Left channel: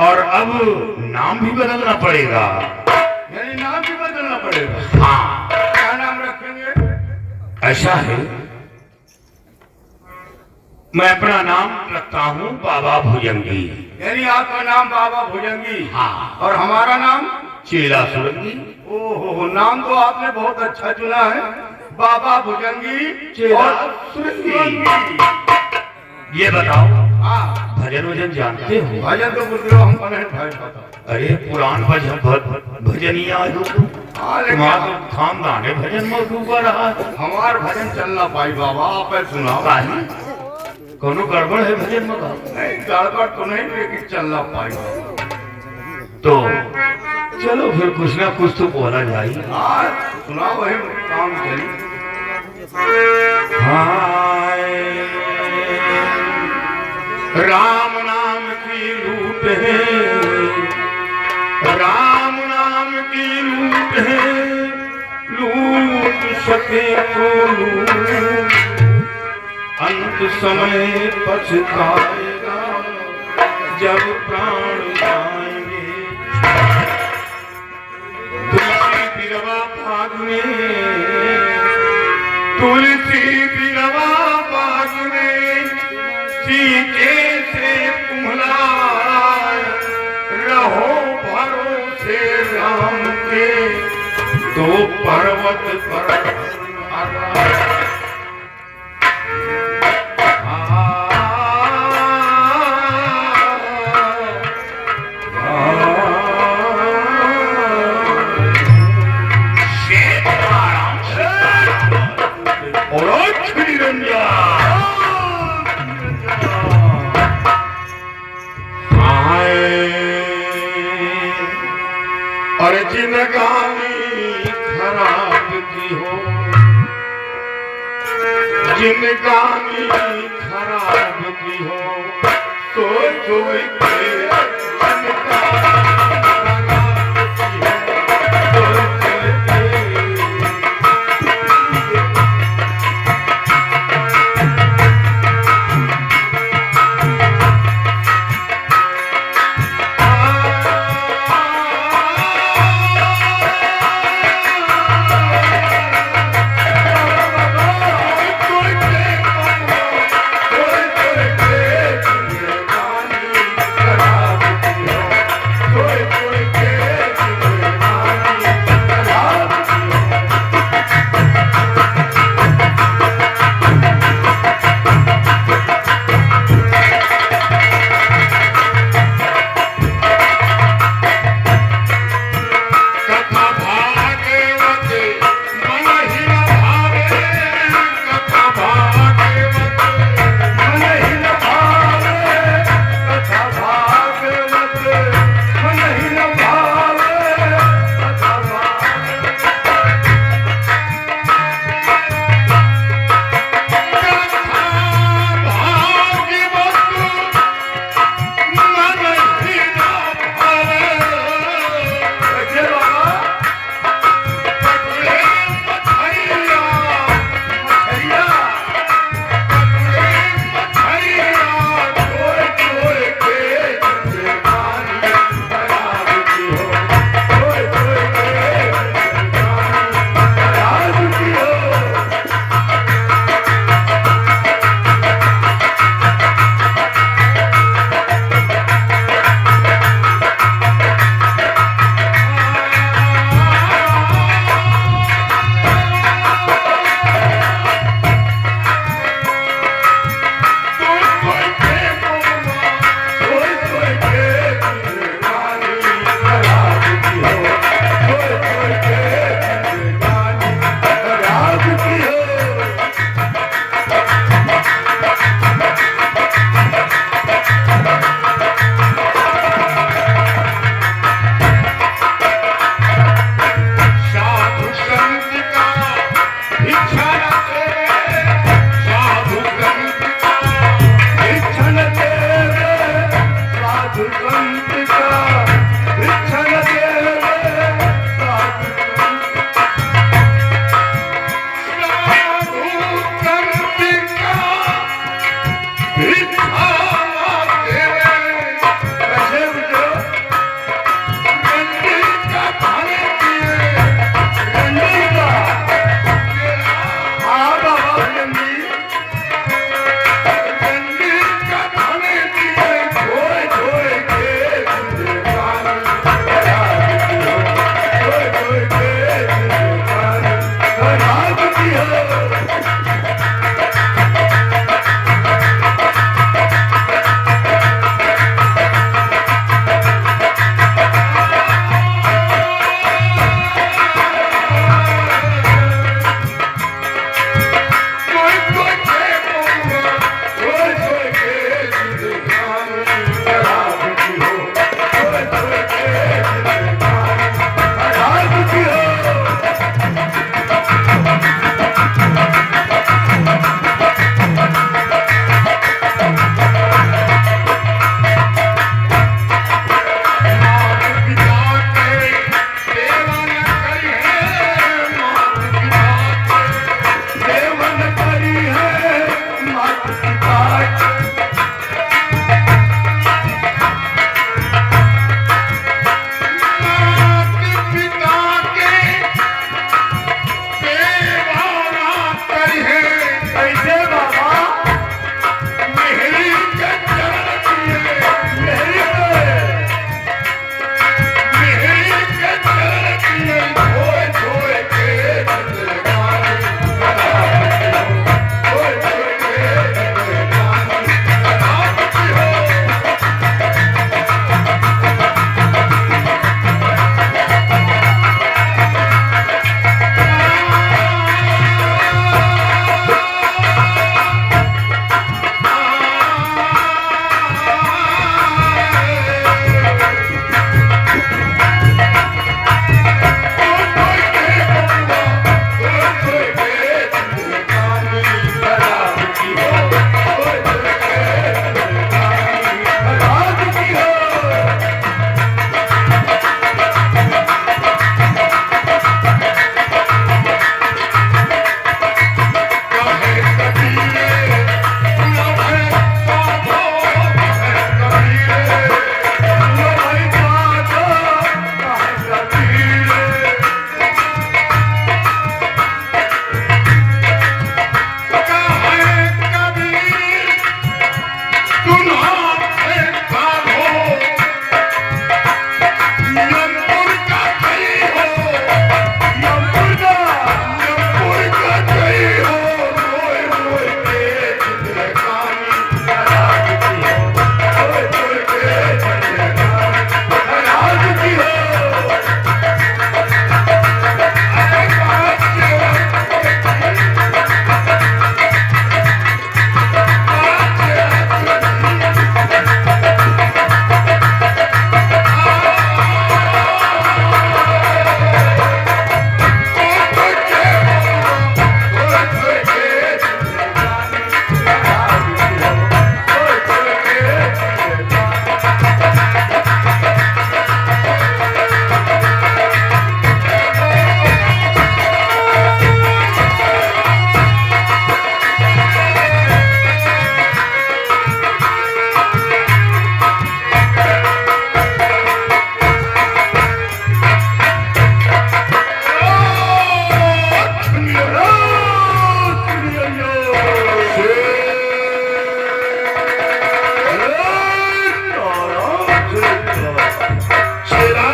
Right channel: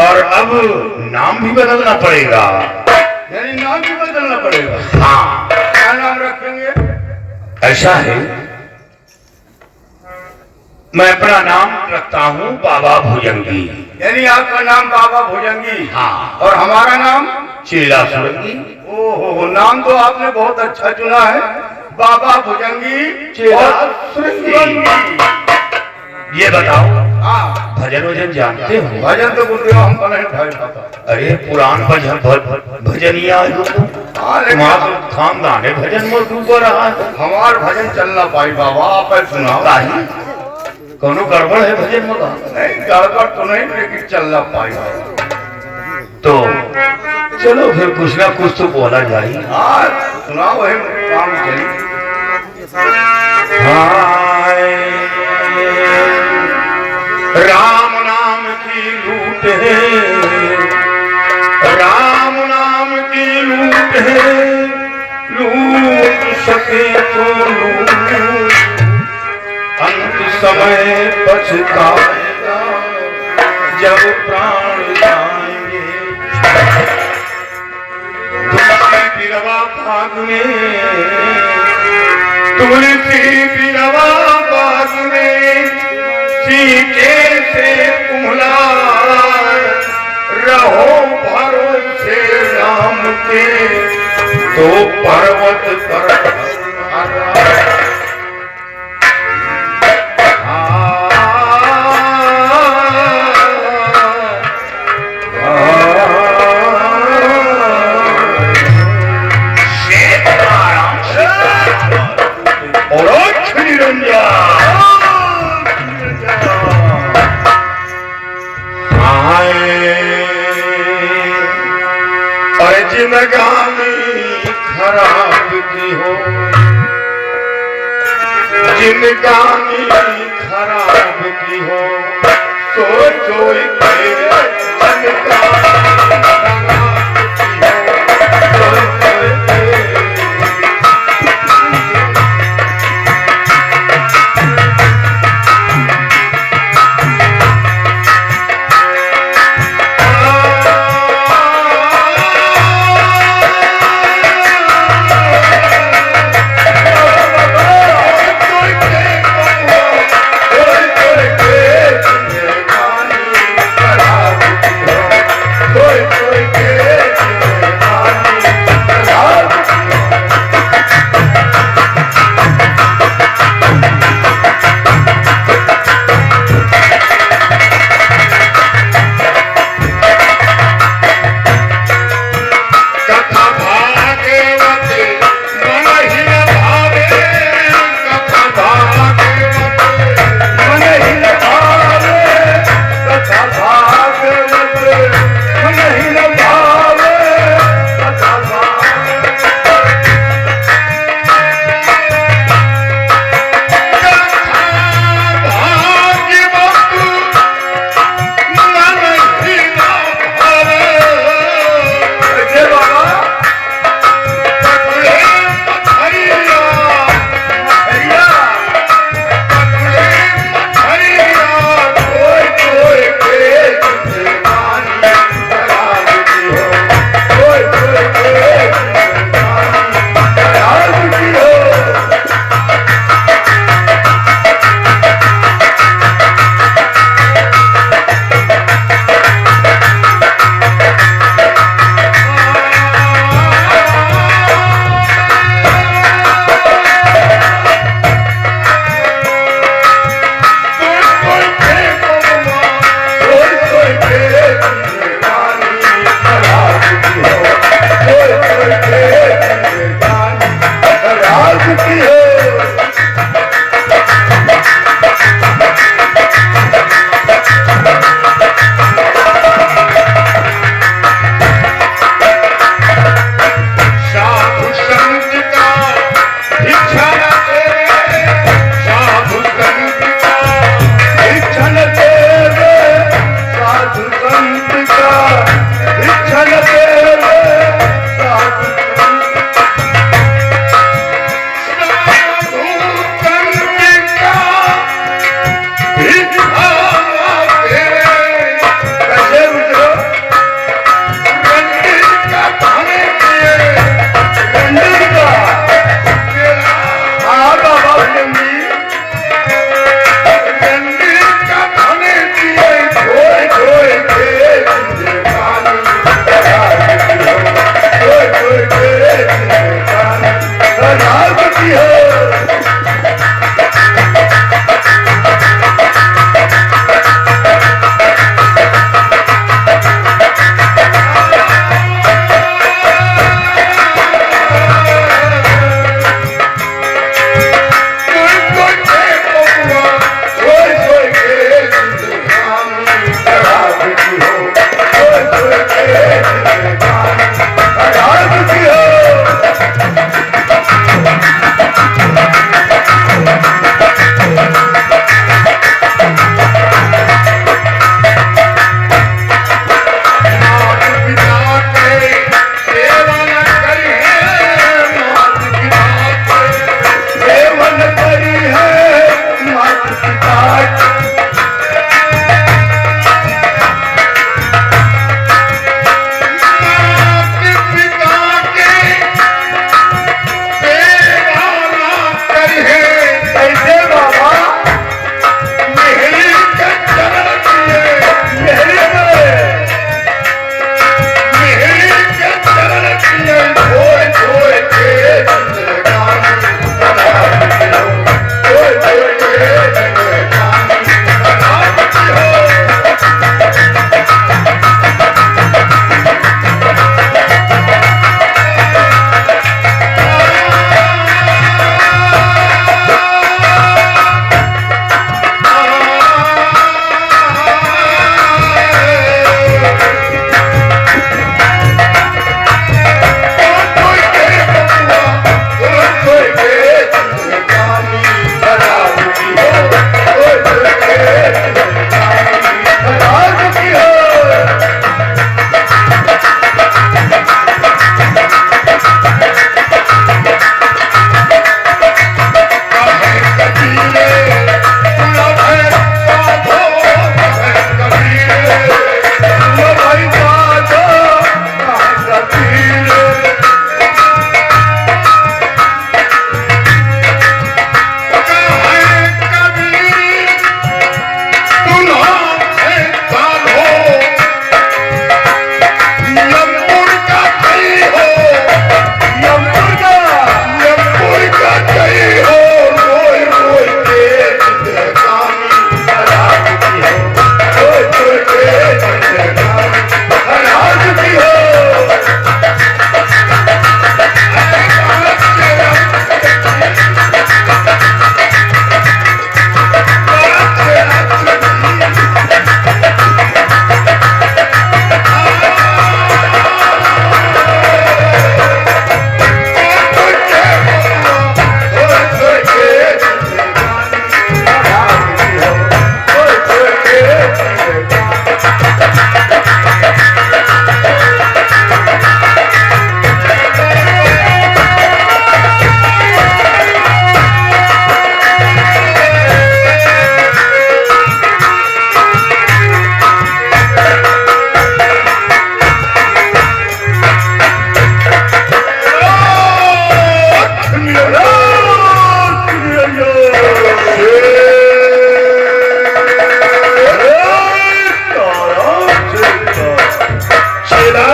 और अब नाम भी बदलना पड़ेगा। यानी नाम भी बदलना पड़ेगा। हाँ, क्या नाम रखेंगे? ऐसा है, मैं अपना नाम रखता हूँ बाबा भुजंगी। यानी आपका नाम बाबा भुजंगी। हाँ। और हमारा नाम चेला सुरंगी। ओहो, नाम तो आपने बहुत अच्छा चुना है, बाबा भुजंगी चेला और सुरंगी। ये बताओ, हाँ, भजन वजन जानते हो? भजन तो बोलते हो, हमको नहीं भाई पता। अरे पुराण भजनिया हाँ, लेकिन तुम्हारा खानदान है भजन में डूबा रहा है। हमार भजन चलना पाई बाबा, आप सुनाओ। कोनो गड़बड़ है भजन में? नहीं, गड़बड़ तो नहीं, लेकिन चलना पाई बाबा। तो चलो फिर कुछ ना कुछ तो बोला जाए। हाँ, सुनाओ, वही काम चली। राम नाम की लूट है, राम नाम की लूट है, लूट सके तो लूट, अंत समय पछताएगा जब प्राण जाएंगे। तुलसी बिरवा भाग में, तुलसी बिरवा बाग में, सीके से कुम्हला रहो भरोसे राम के, तो पर्वत पर जिनगानी खराब की हो, जिनगानी खराब की हो, सोचो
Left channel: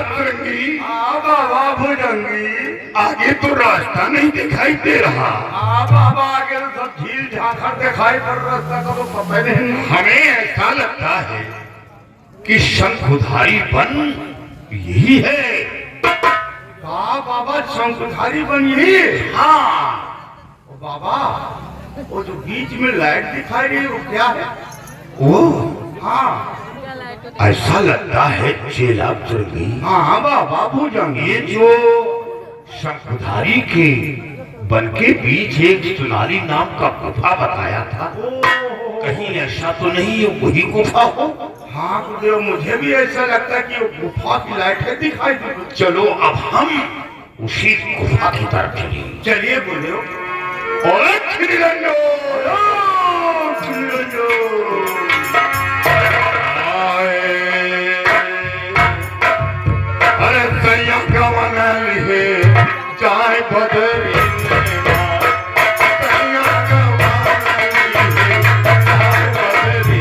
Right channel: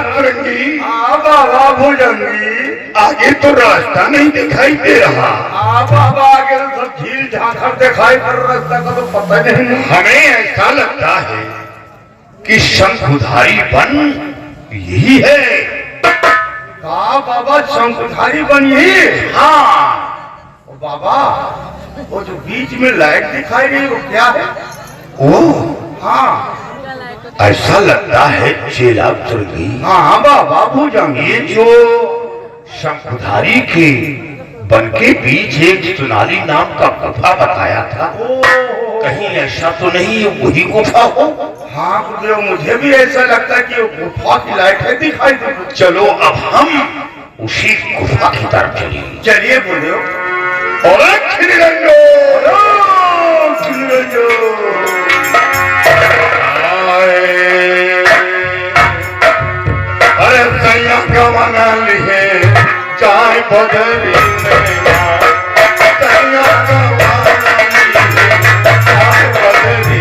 तुरंगी, हाँ बाबा भुजंगी। आगे तो रास्ता नहीं दिखाई दे रहा। हाँ बाबा आगे तो सब झील झांखर दिखाई पड़ रास्ता का तो पता नहीं। हमें ऐसा लगता है कि शंखुधारी वन यही है। हाँ बाबा शंखधारी बनी। हाँ। ओ बाबा वो जो बीच में लाइट दिखाई रही वो क्या है? ओ, हाँ ऐसा लगता है चेला तुरंगी। हाँ बाबा भुजंगी। ये जो शंखुधारी के वन के बीच एक सोनाली नाम का गुफा बताया था, कहीं ऐसा तो नहीं ये वही गुफा हो? हाँ गुरुदेव मुझे भी ऐसा लगता है कि वो गुफा की लाइट है दिखाई दे। चलो अब हम उसी गुफा की तरफ चलेंगे। चलिए गुरुदेव। और खिलरंगो, अरे सैया गवन लिए चाय बदरी में मार, सैया गवन लिए चाय बदरी।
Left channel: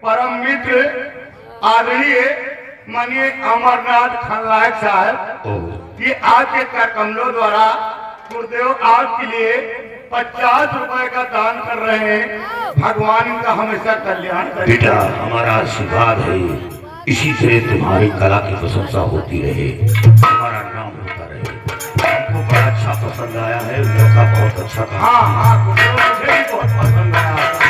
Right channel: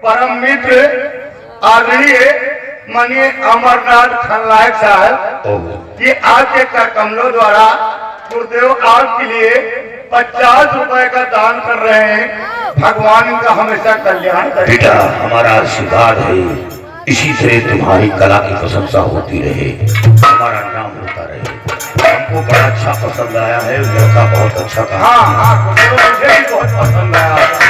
परम मित्र आदरणीय माननीय अमरनाथ खनलायक साहब, ये आज के कमलों द्वारा गुरुदेव आपके लिए 50 रुपए का दान कर रहे हैं। भगवान इनका हमेशा कल्याण करे। बेटा हमारा आशीर्वाद है, इसी तरह तुम्हारी कला की प्रशंसा होती रहे, हमारा नाम होता रहे। हमको बड़ा अच्छा पसंद आया है, लड़का बहुत अच्छा था। हाँ हाँ गुरुदेव मुझे भी बहुत पसंद आया।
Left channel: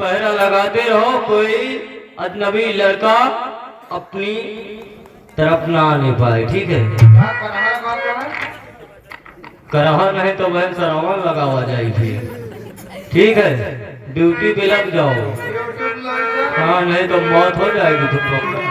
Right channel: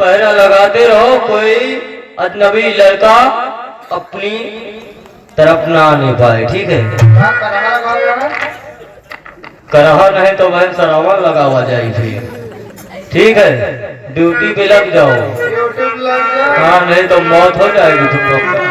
पहरा लगाते रहो, कोई अजनबी लड़का अपनी तरफ ना आने पाए, ठीक है? क्या करहा लगा रहे हैं? करहा नहीं तो बहन सरावन लगावा जाए फिर, ठीक है? ड्यूटी पे लग जाओ। यूट्यूब लग जा। हाँ, नहीं तो मौत हो जाएगी तुम लोग को।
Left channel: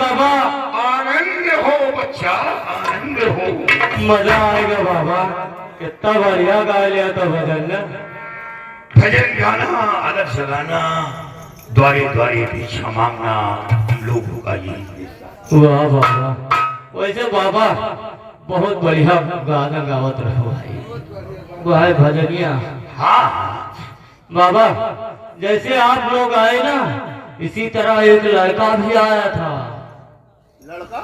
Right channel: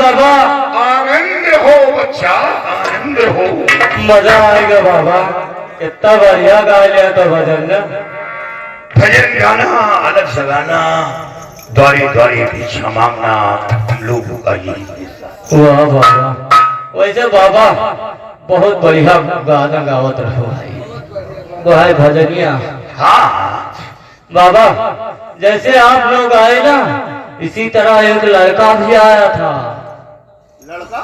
बाबा, आनंद हो बच्चा, आनंद हो। मजा आएगा बाबा, इतना बढ़िया गा लिया तो भजन ना। भजन गाना, अलग से गाना, द्वारे द्वारे भिक्षा मांगना, हम लोगों का यही हिस्सा। वाह बाबा, वैसे बाबा बहुत बढ़िया गाना गावत रहो भाई, वो है भजनिया। हाँ बाबा जैसे आप लोग आए ना, इसी तरह एक लड़का भी आया था। लड़का?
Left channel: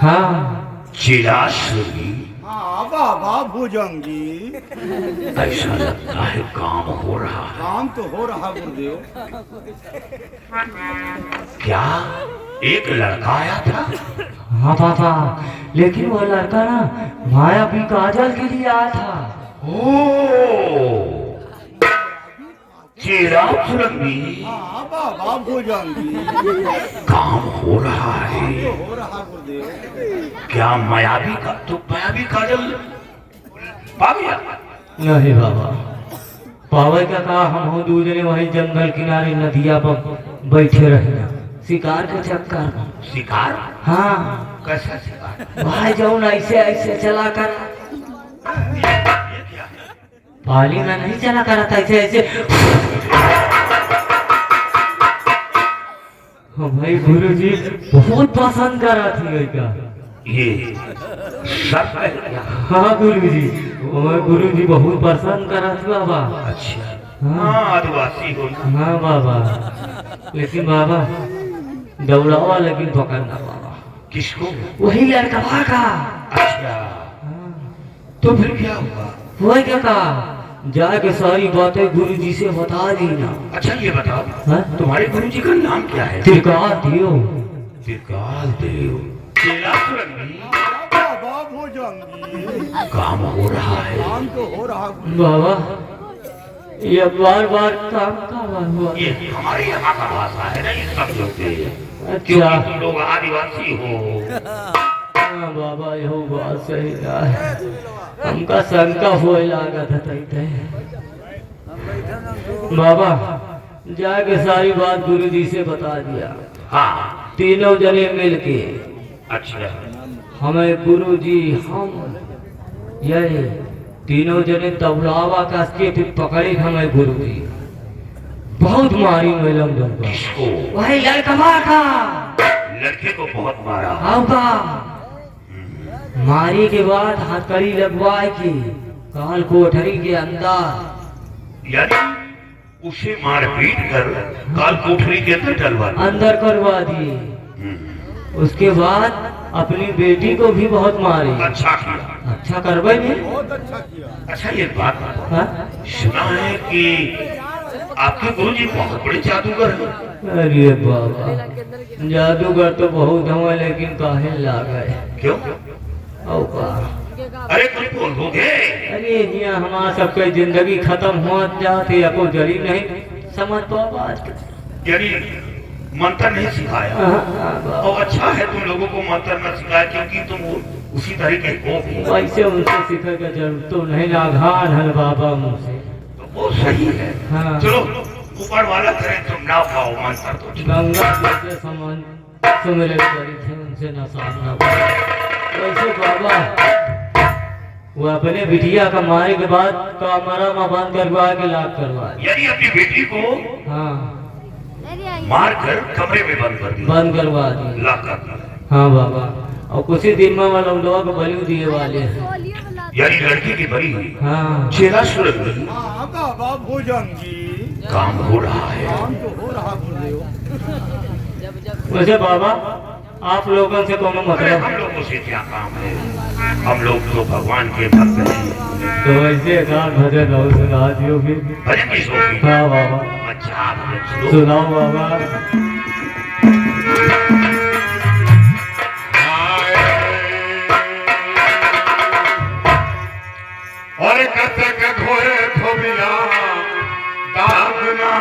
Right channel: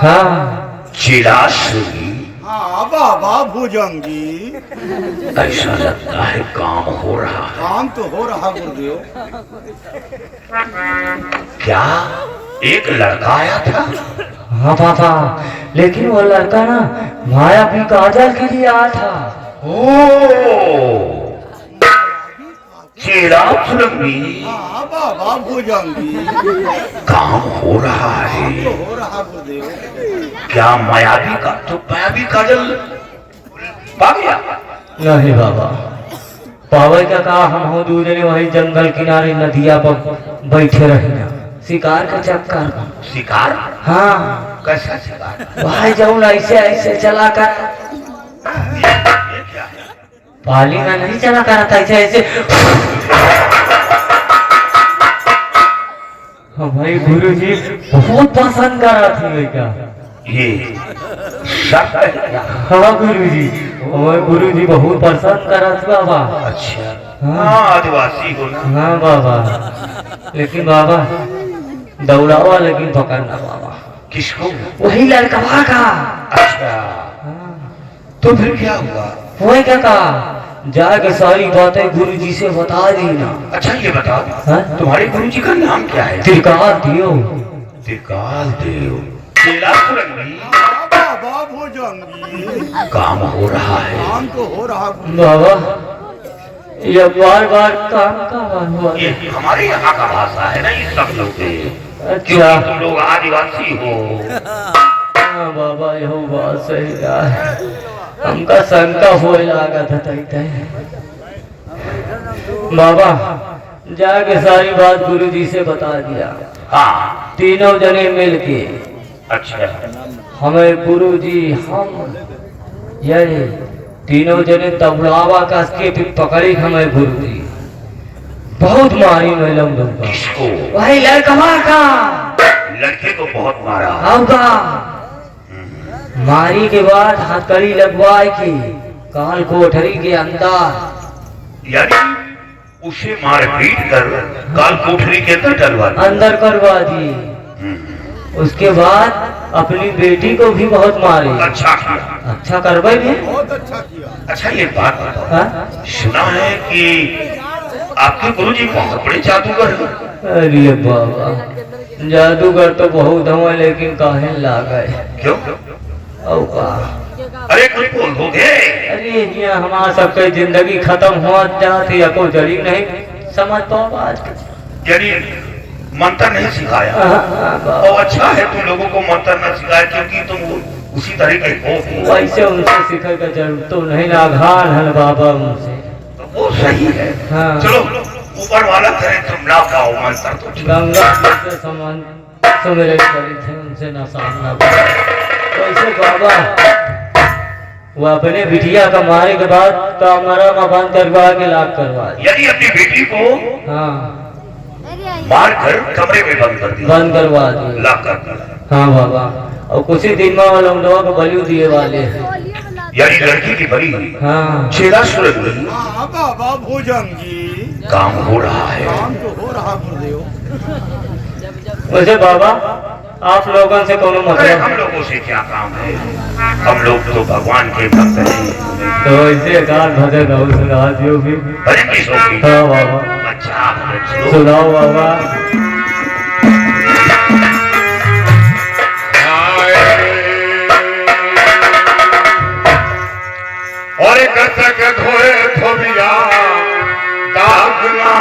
हाँ चिराश्री, हाँ बाबा भुजंगी। ऐसा लगता है काम हो रहा है। काम तो हो रहा गुरुदेव। क्या एक लड़का आया था? हाँ बाबा, लेकिन वो लड़का ना मायावी काजल के लिए आया था। ओ चिराश्री, हाँ बाबा भुजंगी। काम हो रहा है। तो हो रहा गुरुदेव। क्या मायावी का तो मायावी काजल पा गया? नहीं बाबा, पावे क्या कहा, हम हो दूसरे वही जंगल किनारे नदिया पर बैठे रहे शिकार के चक्कर में। शिकार? हाँ, कैसा शिकार? भाई जाऊँ ऐसे ऐसे चला कर, ये क्या है? पाली में नहीं चला कर था, ऐसे ऐसे। हाँ भाई गुरु जी बहुत पसंद कर रहा थी क्या? ये शक है क्या? हाँ गुरु जी, और गुरु जी बहुत पसंद कर रहा था बाबा। अच्छा, हाँ आदिवासी हो ना। हाँ बाबा, लेकिन बाबा दौड़ावा लेकिन पकड़ना बाबा। किसको? वही लड़का का। अच्छा, तो फिर क्या हुआ? वही क्या कहा, जाके सारी बातें गुरु जी से बता देना। अच्छा ये बताओ, हाँ? तुम्हारे गुरु जी का नाम क्या है? त्रिकाल दियो। त्रिकाल देव। चिरासुरंगी, हाँ बाबा भुजंगी। काम हो रहा है। काम तो हो रहा गुरुदेव। बाबा ये बार बार काम का हुआ। ये हमारे यहाँ का भाषा है ना, इस सब लोग के। अच्छा क्योंकतुम लोग आदिवासी हो। हाँ बाबा, यह बात सही है, हमका शंका हुए लागत है। बाबा जाके सारी बात गुरु जी से बता दिया। हाँ तीनों जने मिल के अच्छा, हमें गुरु जी, हम ये तीनों जने तबलावा कस के फिर पकड़ी हमें गुरु जी। बहुत मारी मैं लमदम का। किसको? वही लड़कवा का। लड़के को बहुत मारा। होगा मारी के बाद हथकड़ी लगवाए की काल कोठरी के अंदर, यानी उसे मार पीट कर काल कोठरी के अंदर डलवा दिया। अंदर करवा दिए। उसके बाद अपनी बेटी को भी बहुत मारे। अच्छा किया। अच्छा करवाई भी। बहुत अच्छा किया। अच्छा ये बात बताओ, हाँ? सुना है कि आपके गुरुजी बहुत बड़े जादूगर हैं। अरे बाबा जादूगर तो बहुत हुआ लेकिन काहे लागे। क्यों? औ का अरे कुछ बोल दोगे? अरे यहाँ हमारा सबके जिंदगी खत्म हुआ जाती है, कोई जड़ी नहीं समझ पाओ आज। यानी मंत्र नहीं सिखाया। और अच्छा है तुम लोगों को मंत्र न सिखाया, क्योंकि तुम उसी तरीके हो। वैसे उनसे सीखे का जरूरत तो नहीं, आघान है बाबा उनसे। वो सही है। हाँ। चलो ऊपर वाला करे तुम ना पाओ मंत्र तो चलो। गंगा जी से समान सुमिरन करी थे, उनसे ना सामना। वैसे बाबा वो अपने बिटिया का मारे के बाद कमरा में बंद करवा के लाख करवा दिया। यदि अपनी बेटी को हाँ मार कर कमरे में बंद कर दिया, बंद करवा दिया। लाख कर दिया। हाँ बाबा, और कुछ ही दिन में वो लोग बलि दिए वाले हैं। यानी लड़की की बलि हाँ चेहरा सूरज नहीं। हाँ बाबा भुजंगी, काम हो रहा है। काम तो हो रहा गुरुदेव। वैसे बाबा आप लोगों से कोनो अरे मतलब? हम लोगों से क्या काम है, हम लोग तो भगवान के भक्त हैं। तो ऐसे कार भजन हो सुना दियो भी। भजन की शौकीन। हाँ बाबा अच्छा भजन सुनो। सुनाओ बाबा। और कतक धोए धोबिया दागना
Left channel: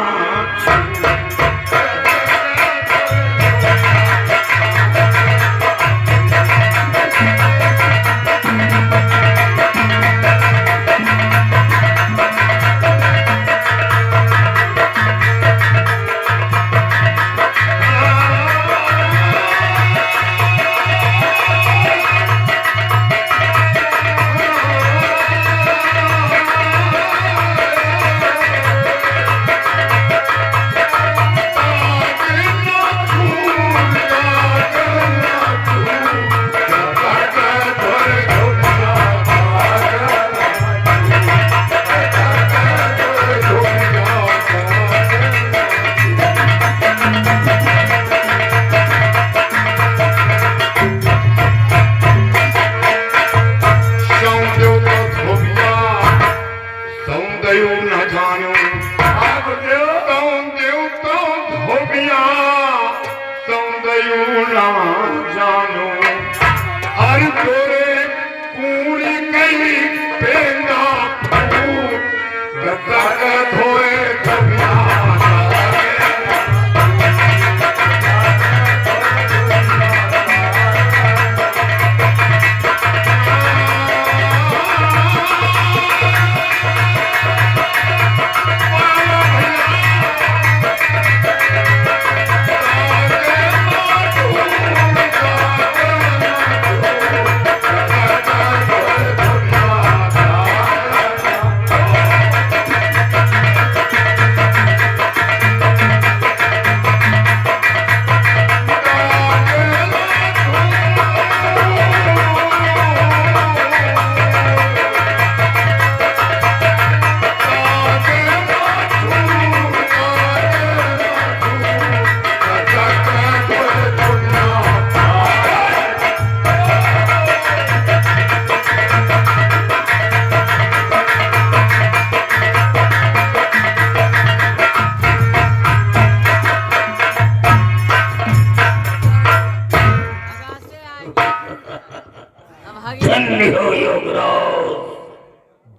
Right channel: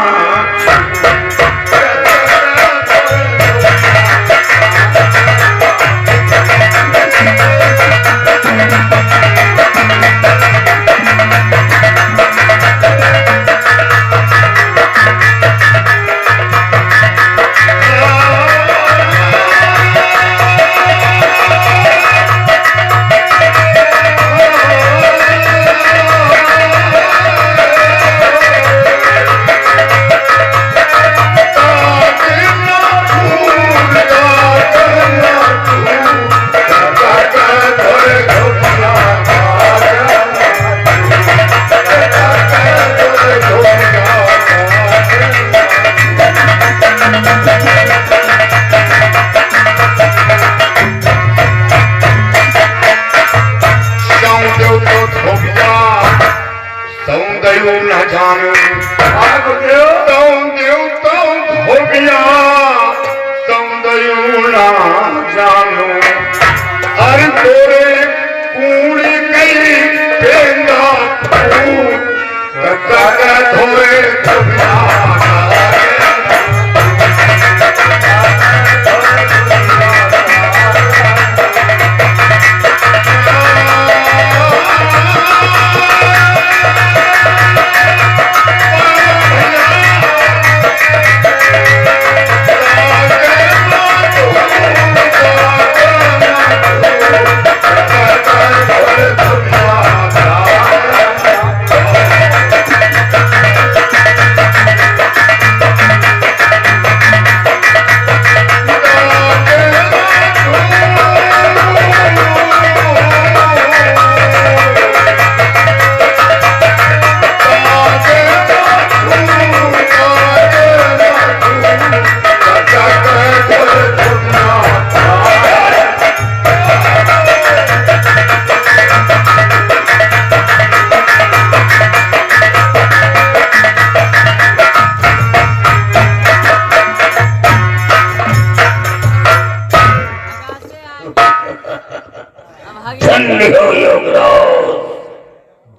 धन्य हो योगराज,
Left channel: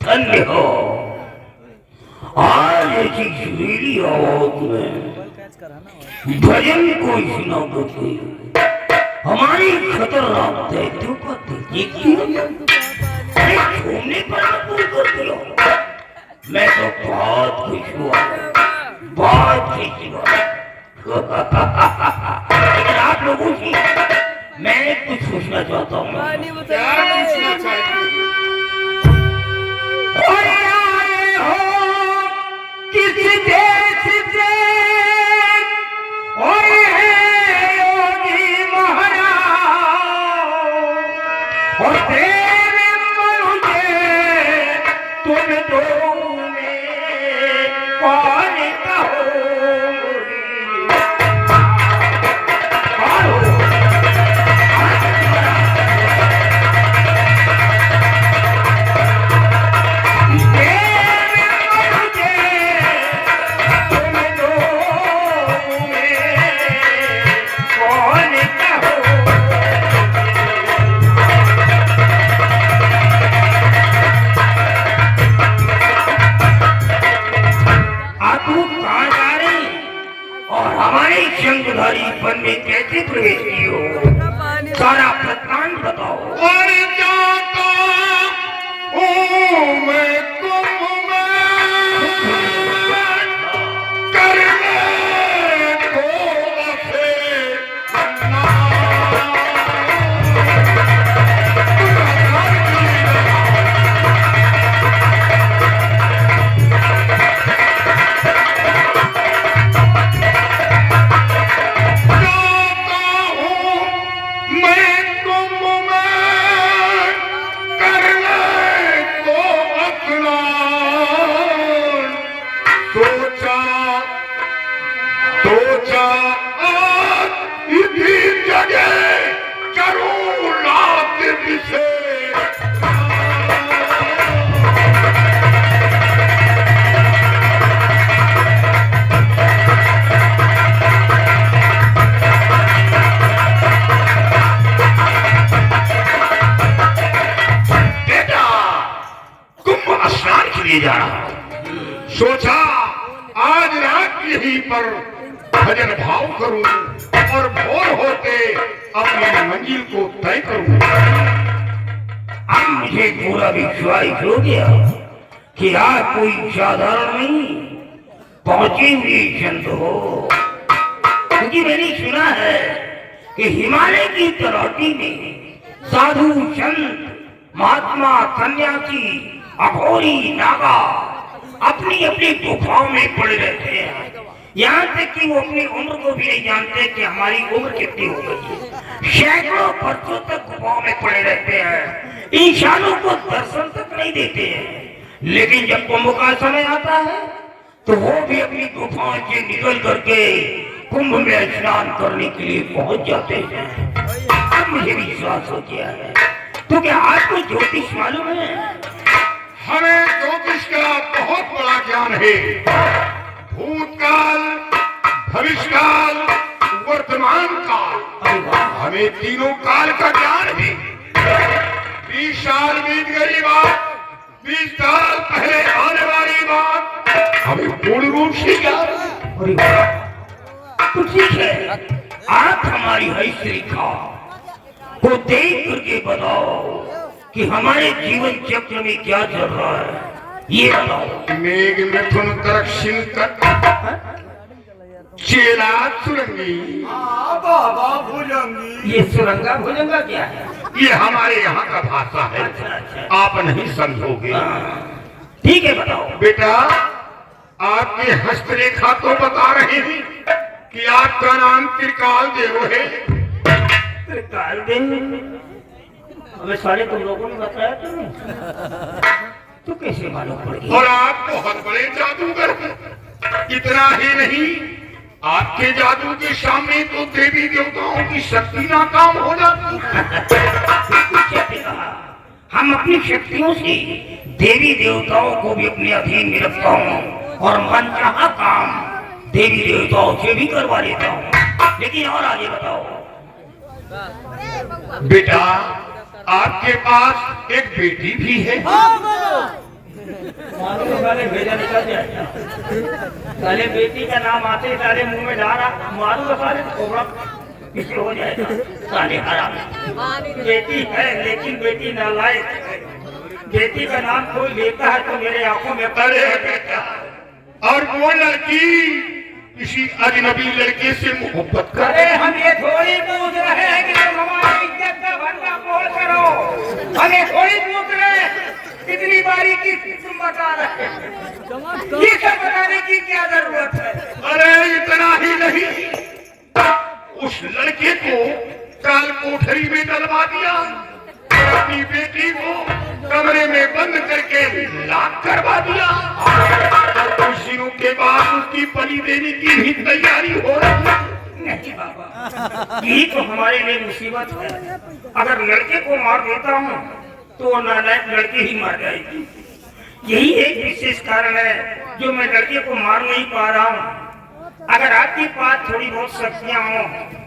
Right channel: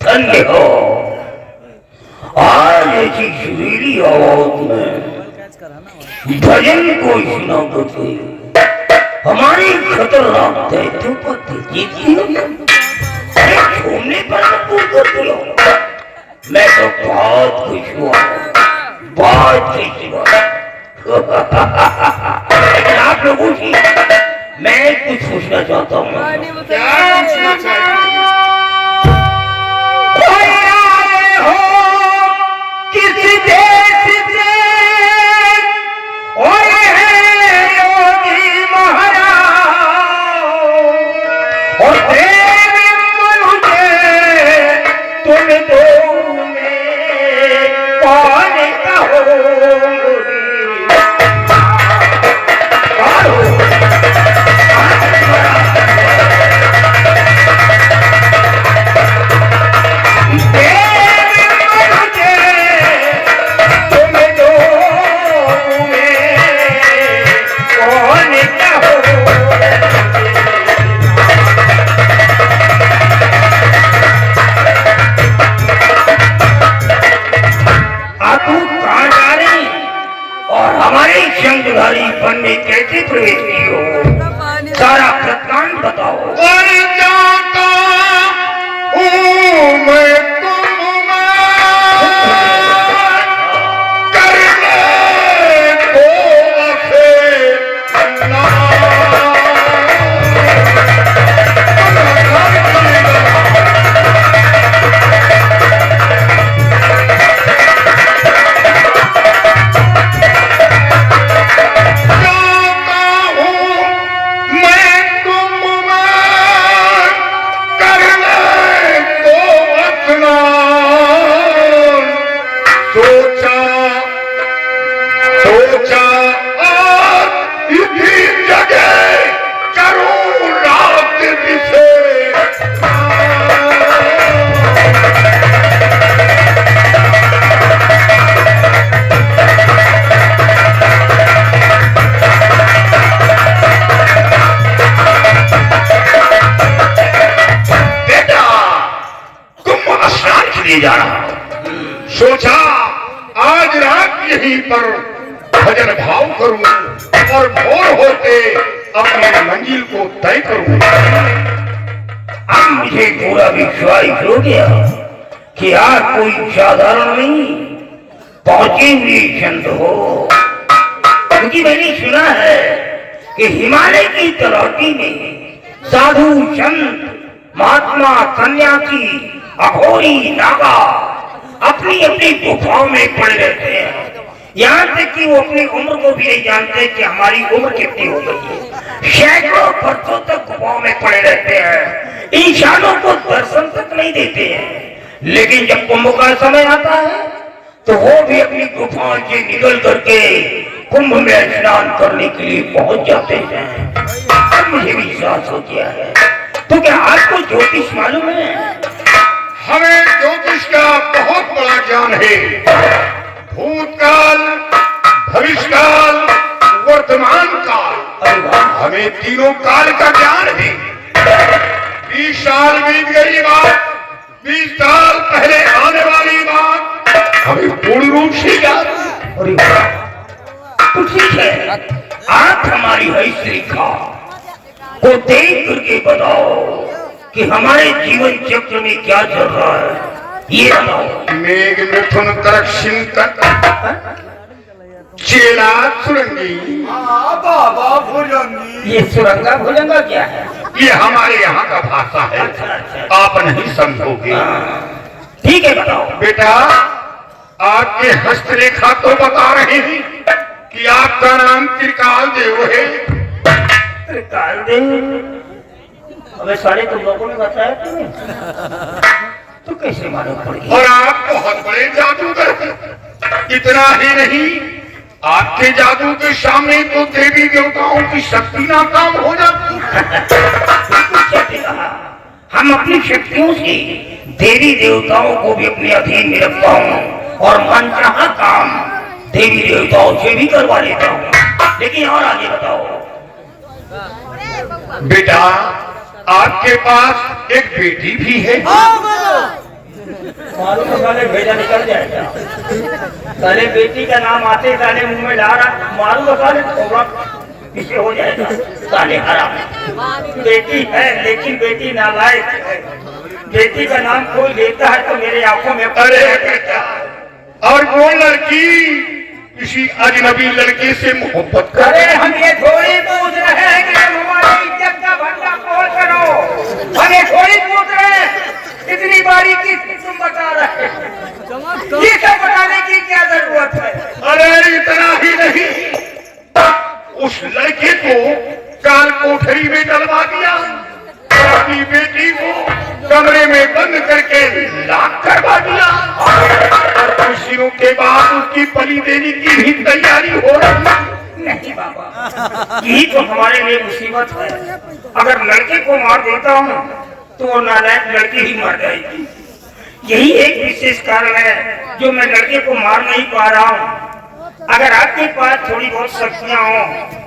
धन्य हो। आज ऐसी सुरीली आवाज में भजन को सुना करके हमारी खतरनाक दैत्यों को जीतती हो। अरे घूमने पर मजबूर कर दिया। मैं तो बहुत खुश हुआ, बहुत खुश हुआ। लेकिन आप लोगों से मैं कुछ पूछना चाहता हूँ। क्या पूछना चाहिए? किसी देश से जा रहा हूं। सोचा आज रात यहीं पर भजन भाव करूं और भोर होते अपनी मंजिल को तय करूं। अब मुझे पूरा विश्वास हो गया कि आज कोई साधारण नहीं पहुंचे हुए संत हो, क्योंकि मैंने सुना है कि हिमालय की तलौटी में साधु संत महात्मा सन्यासी अघोरी नागा अपनी अपनी गुफाओं में पड़े रहते हैं। यहाँ तक कि वो अपनी उम्र को भी नहीं जानते कि हमारी उम्र कितनी हो गई है। सैकड़ों वर्षों तक गुफाओं में पड़े रहते हैं, इंसानों को दर्शन तक नहीं देते हैं। लेकिन जब कुंभ का समय आता है तो वो भी अपनी गुफाओं से निकल करके कुंभ में स्नान करने के लिए पहुंच जाते हैं। अब मुझे विश्वास हो गया है। तो क्या आपको ज्योतिष मालूम है? हमें ज्योतिष का बहुत बड़ा ज्ञान है। भूतकाल, भविष्यकाल, वर्तमान काल, हमें तीनों काल का ज्ञान है। 20 साल बीत गई बात, 20 साल पहले आने वाली बात हमें पूर्ण रूप से ज्ञान है। तो ठीक है, आप हमारी हस्तरेखा को देख करके बताओ कि हमारे जीवन चक्र में क्या चल रहा है, ये बताओ। मेघ मिथुन कर्क सिंह चेला सुरंगी। बाबा भुजंगी। ये सुरंगा भुजंगा क्या है? ये हमारे यहाँ का भाषा है, आप नहीं समझोगे। ठीक है, बताओ। बेटा आपके हस्तरेखा तो बता रहे हैं कि आपका नाम त्रिकाल देव है। त्रिकाल देव? अबे साले तुम लोगों ने बताया तुम्हें, तो कैसे मालूम पड़ेगी? और आप बहुत बड़े जादूगर हैं। इतना ही नहीं, आपके जादू के सामने तो देवी देवताओं की शक्ति नाकाम हो जाती है। हम अपनी शक्तियों से देवी देवताओं को भी अपने अधीन में रखता हूँ और मनचाहा काम देवी देवताओं से भी करवा लेता हूँ। लेकिन और आगे बताओ। बेटा आपके पास एक बेटी भी है। मालूम है साले भेजा निकल जाएगा। साले बेटी का नाम आते साले मुंह में डाला, मालूम है साले होगा किसे हो जाएगा। साले हराम। बेटी है लेकिन बेटी नालायक है। बेटी का नाम कोई लेता है तो मेरे आंखों में अरे बेटा, और वो लड़की किसी अजनबी लड़के से मोहब्बत कर। अरे हम ये थोड़ी पूछ रहे हैं कि तुम हमारी इज्जत का भंडा तोड़ करो। हमें थोड़ी पूछ रहे हैं इतनी बारीकी से तुम बता रहे हैं। ये सब बताने की क्या जरूरत है? अरे इतना ही नहीं, उस लड़के को काल कोठरी में डलवा दिया और अपनी बेटी को कमरे में बंद करके लाक करवा दिया। और कुछ दिनों के बाद उसकी बलि देने की भी तैयारी हो रही है। नहीं बाबा, यही तो हमारे लिए मुसीबत है। अगर लड़के को मार देता हूँ तो वो नालायक लड़की ही मर जाएगी। यही एक विशेष कारण है जो मैं लड़के को मार नहीं पा रहा हूँ। अगर आपके पास थोड़ी बहुत शक्तियाँ हो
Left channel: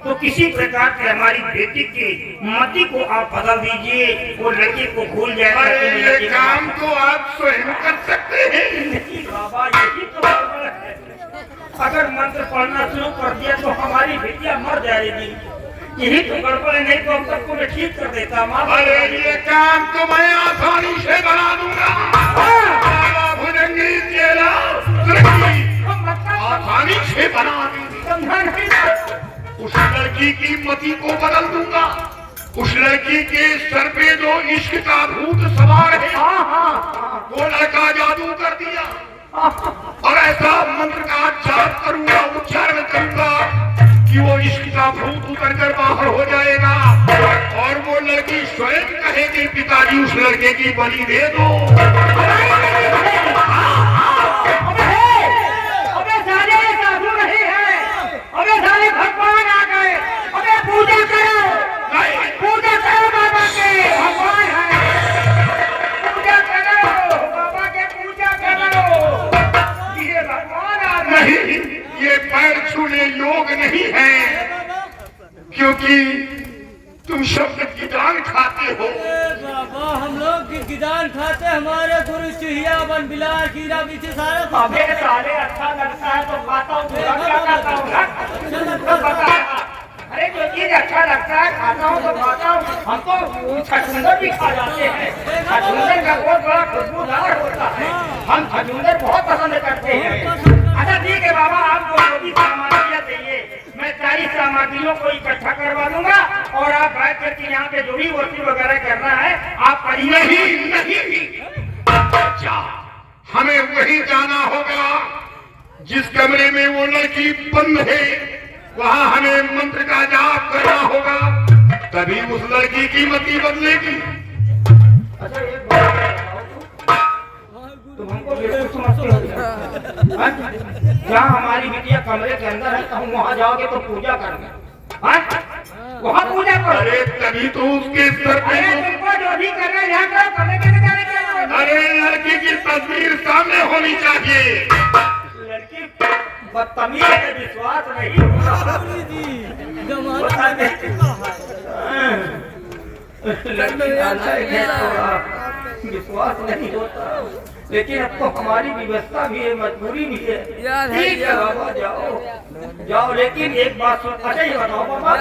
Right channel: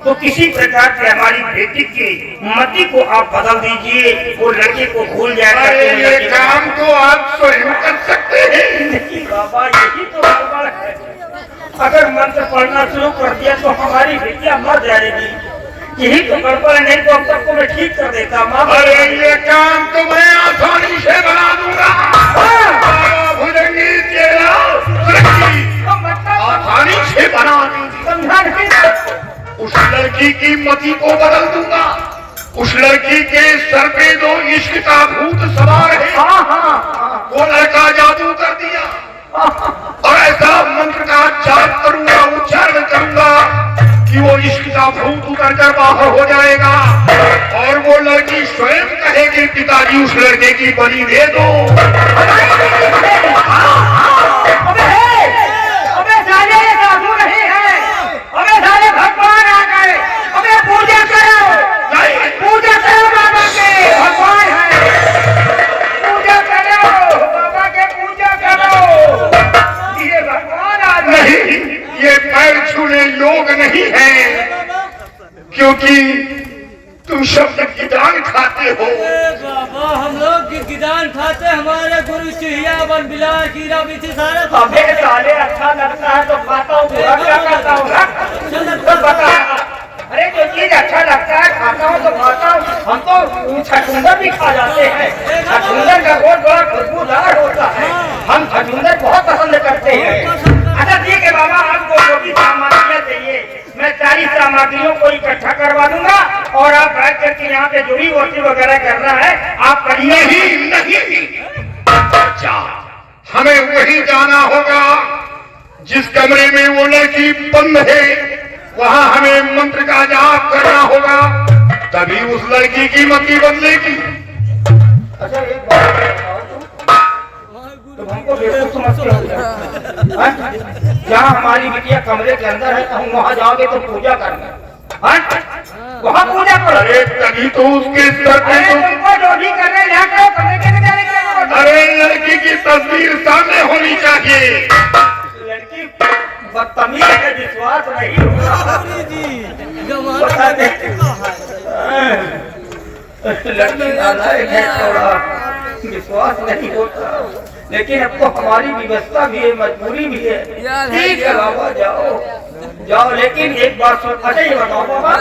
तो किसी प्रकार से हमारी बेटी की मति को आप बदल दीजिए, वो लड़के को भूल जाएगा। अरे ये काम तो आप स्वयं कर सकते हैं। नहीं बाबा, यही तो गड़बड़ है। अगर मंत्र पढ़ना शुरू कर दिया तो हमारी बेटियां मर जाएगी। यही तो गड़बड़ है, नहीं तो अब तक को मैं ठीक कर देता। माँ, अरे ये काम तो मैं आसानी से बना दूंगा। बाबा भुजंगी तेरा लड़की आसानी से बना दूंगा। उस लड़की की मति को बदल दूंगा। उस लड़की के सर पे जो इश्क का भूत सवार है वो लड़का जादू कर दिया और ऐसा मंत्र का जाप करूंगा, उच्चारण करूंगा कि वो इश्क का भूत उतर कर बाहर हो जाएगा और वो लड़की स्वयं कहेगी पिताजी उस लड़के की बलि दे दो। भगवान आ गए, अबे पूजा करो, पूजा करो बाबा के, भगवान है, पूजा करो बाबा के, पूजा करो। ये भगवान आ गए। नहीं, ये पैर छूने योग नहीं है, क्योंकि तुम तुम सब गिदान खाते हो। बाबा हम लोग गिदान खाते, हमारे गुरु चिड़िया बन बिलार कीड़ा बीछी सारे अबे साले अच्छा लगता है तो खाता हूँ, बुरा क्या खाता हूँ? अच्छा लगता तो बता। अरे जो चीज अच्छा लगता है खाता हूँ तो खाता हूँ। हम तो छछूंदर भी खा जाते हैं। छछूंदर का बहुत बड़ा खुशबूदार होता है, हम छछूंदर बहुत पसंद करते हैं। अच्छा ठीक है बाबा, आपको जो भी सामग्रियाँ चाहिए मैं सारी सामग्रियों को इकट्ठा करवा दूंगा और आप बैठ करके यहाँ पे जुड़ी रोटी वगैरह करना है आप करिए। नहीं अच्छा, हमें वही जाना होगा जिस कमरे में वो लड़की बंद है, वहाँ हमें मंत्र का जाप करना होगा, तभी उस लड़की की मति बदलेगी। अच्छा एक बात बताओ, तुम हमको बेवकूफ समझते हो? जहाँ हमारी बिटिया कमरे के अंदर है, हम वहाँ जाओगे तो पूजा करना, वहाँ पूजा करो। अरे तभी तो उसके स्तर पे तुमको जो भी करने यहाँ करो, कमरे के अंदर जाने के। अरे लड़की की तस्वीर सामने होनी चाहिए। लड़की बदतमीज है, विश्वास नहीं होगा। लड़की नालायक है, थोड़ा विश्वास नहीं होता, लेकिन अब तो हमारी व्यवस्था भी है, मजबूरी भी है। ठीक है बाबा जाओ जाओ, लेकिन एक बात सुन। अच्छा ये बताओ बाबा,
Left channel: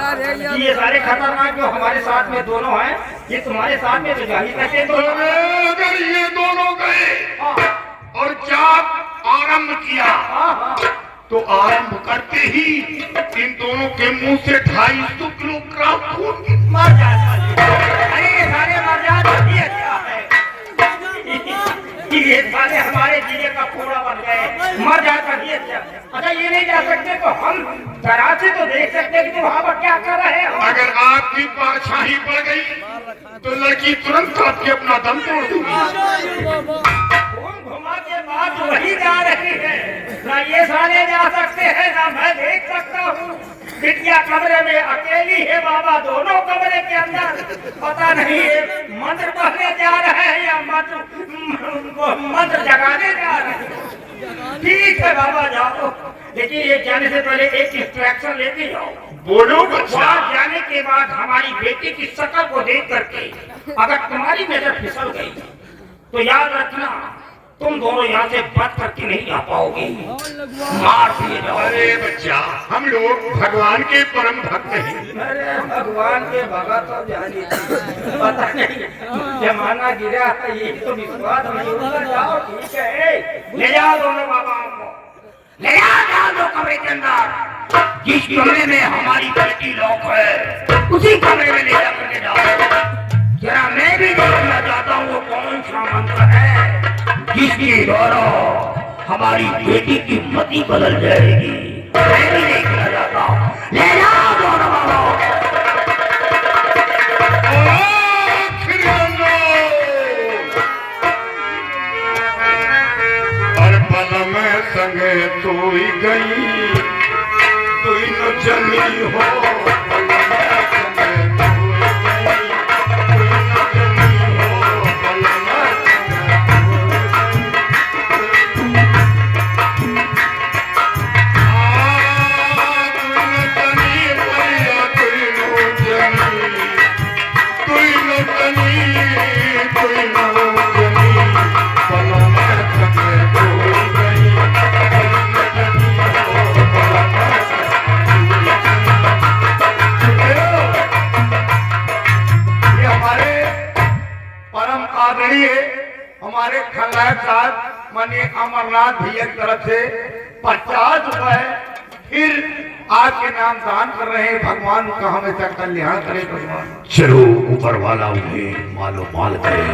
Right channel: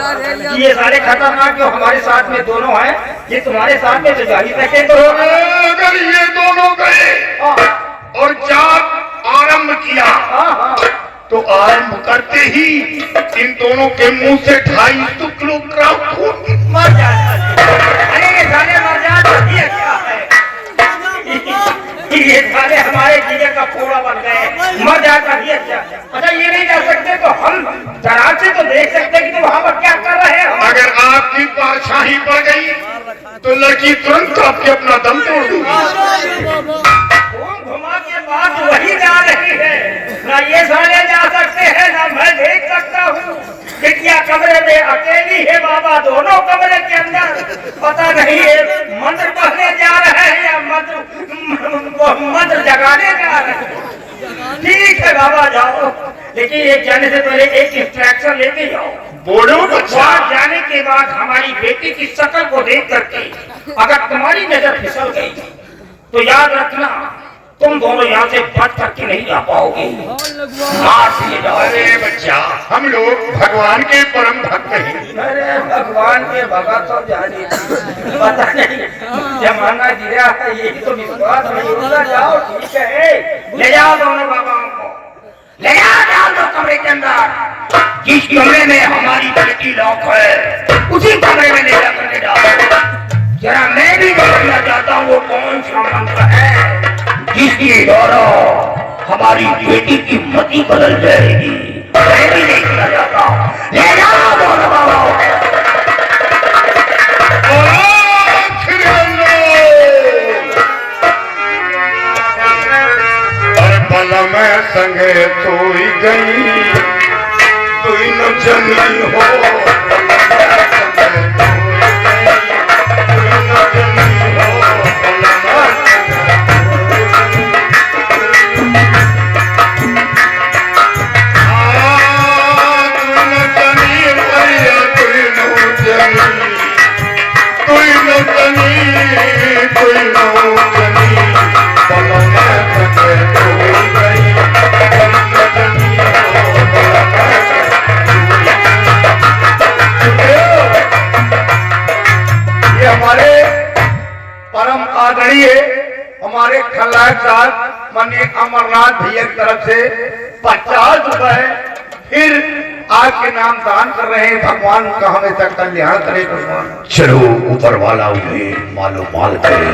ये सारे खतरनाक जो हमारे साथ में दोनों हैं, ये तुम्हारे साथ में तो जा ही सके। तो अगर ये दोनों गए और जाप आरंभ किया तो आरंभ करते ही इन दोनों के मुंह से 250 किलोग्राम खून मर जाता है। अरे ये सारे मर जाते हैं, क्या है ये सारे हमारे जीने का खोड़ा बन गए, मर जाता है क्या? अच्छा ये नहीं जा सकते तो हम जरा से तो देख सकते हैं कि तुम वहाँ पर क्या कर रहे हो। अगर आपकी बादशाही पड़ गई तो लड़की तुरंत आपके अपना दम तोड़ दूंगी। घुमा के बाद वही जा रही है, ना ये सारे जा सकते हैं ना मैं देख सकता हूँ। बिटिया कमरे में अकेली है बाबा, दोनों कमरे के अंदर पता नहीं है मंत्र पढ़ने जा रहे हैं या मंत्र जगाने जा रहे हैं। ठीक है बाबा जाओ, लेकिन ये जाने से पहले एक इंस्ट्रक्शन लेके जाओ। बोलो वहाँ जाने के बाद हमारी बेटी की शक्ल को देख करके अगर तुम्हारी नजर फिसल गई तो याद रखना तुम दोनों यहाँ से बच करके नहीं जा पाओगे, मार दिए जाओ। अरे बच्चा, हम लोग भगवान के परम भक्त हैं। अरे भगवान के भगत तो जाने पता नहीं जमाना गिरा है, ये तो विश्वास नहीं होता। जाओ ठीक है, ले जाओ दोनों बाबाओं को, ले जाओ दो कमरे के अंदर। जिस कमरे में हमारी बेटी लॉक है उसी कमरे में ले जाकर के जाओ। जरा मैं भी देखना चाहता हूँ वो कौन सा मंत्र है जिसकी द्वारा हमारी बेटी की मति बदल जाएगी। मैं भी देखना चाहता हूँ, ले जाओ दोनों बाबाओं। और भला मैं संगे सोई गई तू न जनी हो। हमारे खलनायक साहब माननीय अमरनाथ भैया की तरफ से 50 रुपए फिर आपके नाम दान कर रहे हैं। भगवान का हमेशा कल्याण करे। भगवान चलो ऊपर वाला उन्हें मालो माल करे।